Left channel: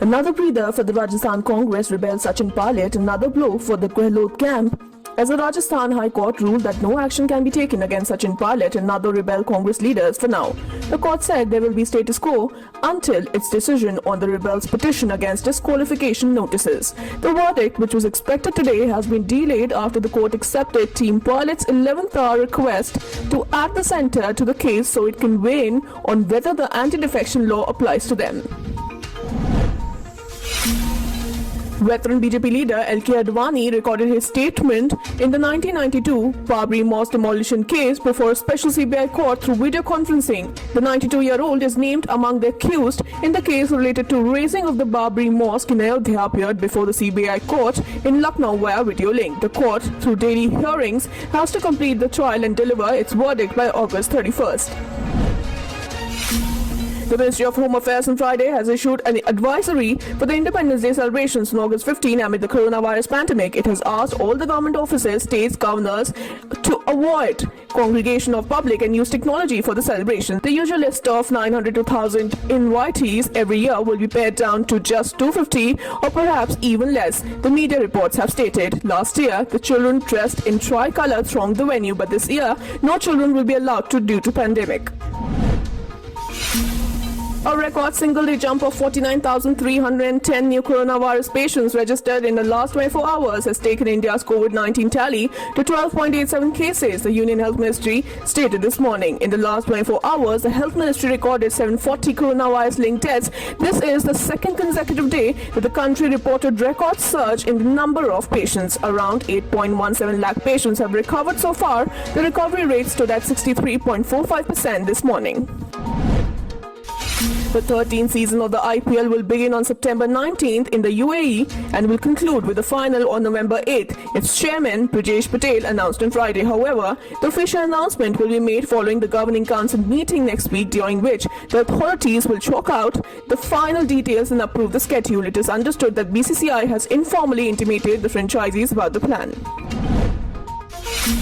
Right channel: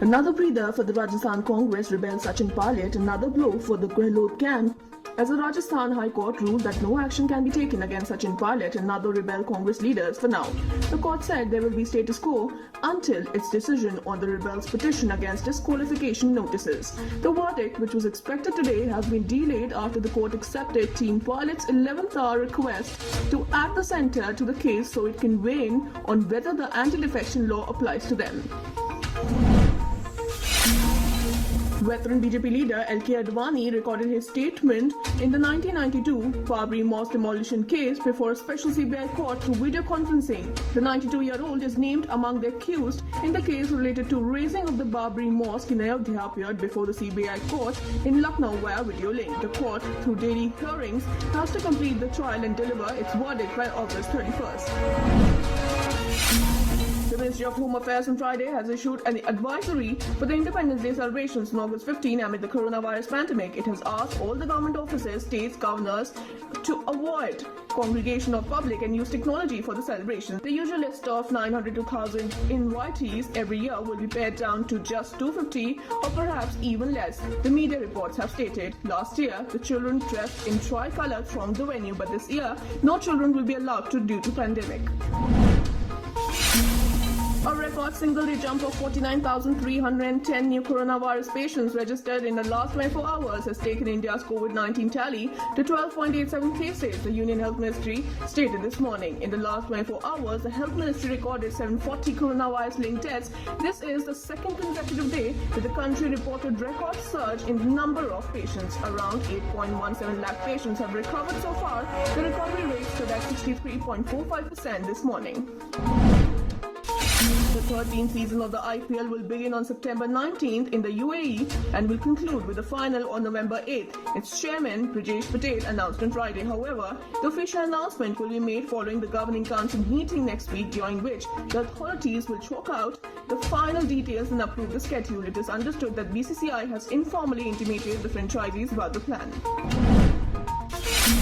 Another breather for the Rajasthan Congress rebel Sachin Pilot, another blow for the Gehlot camp. As the Rajasthan High Court ruled that no action can be taken against Sachin Pilot and other rebel Congress leaders for now, the court said there will be status quo until its decision on the rebels' petition against disqualification notices. The verdict, which was expected today, has been delayed after the court accepted Team Pilot's 11th hour request to add the centre to the case so it can weigh in on whether the anti-defection law applies to them. Veteran BJP leader L.K. Advani recorded his statement in the 1992 Babri Mosque demolition case before a special CBI court through video conferencing. The 92-year-old is named among the accused in the case related to razing of the Babri Mosque in Ayodhya appeared before the CBI court in Lucknow via video link. The court, through daily hearings, has to complete the trial and deliver its verdict by August 31st. The Ministry of Home Affairs on Friday has issued an advisory for the Independence Day celebrations on August 15 amid the coronavirus pandemic. It has asked all the government offices, states, governors to avoid congregation of public and use technology for the celebration. The usual list of 900 to 1,000 invitees every year will be pared down to just 250 or perhaps even less, the media reports have stated. Last year, the children dressed in tricolour thronged the venue, but this year, no children will be allowed to due to pandemic. A record single-day jump of 49,310 new coronavirus patients registered in the last 24 hours has taken India's COVID-19 tally to 12.87 cases, the Union Health Ministry stated this morning. In the last 24 hours, the Health Ministry recorded 740 coronavirus-linked deaths. This is the second consecutive day that the country reported record surge in the number of patients. Around 8.17 lakh patients have recovered so far. The recovery rate stood at 63.45% this morning. The 13th season of the IPL will begin on September 19th in the UAE and will conclude with the final on November 8th. Its chairman, Brijesh Patel, announced on Friday. However, the official announcement will be made following the Governing Council meeting next week, during which the authorities will chalk out the final details and approve the schedule. It is understood that BCCI has informally intimated the franchisees about the plan.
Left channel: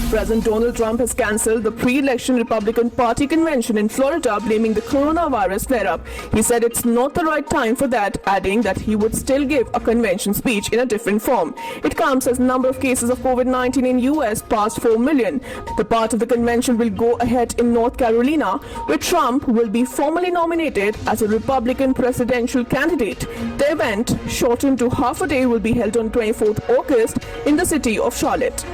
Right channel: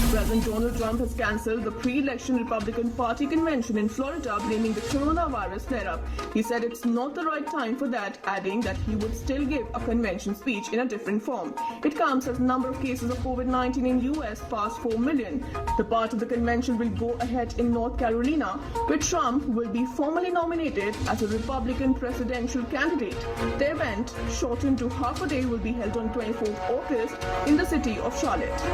President Donald Trump has cancelled the pre-election Republican Party convention in Florida, blaming the coronavirus flare-up. He said it's not the right time for that, adding that he would still give a convention speech in a different form. It comes as the number of cases of COVID-19 in US passed 4 million. The part of the convention will go ahead in North Carolina, where Trump will be formally nominated as a Republican presidential candidate. The event, shortened to half a day, will be held on 24th August in the city of Charlotte.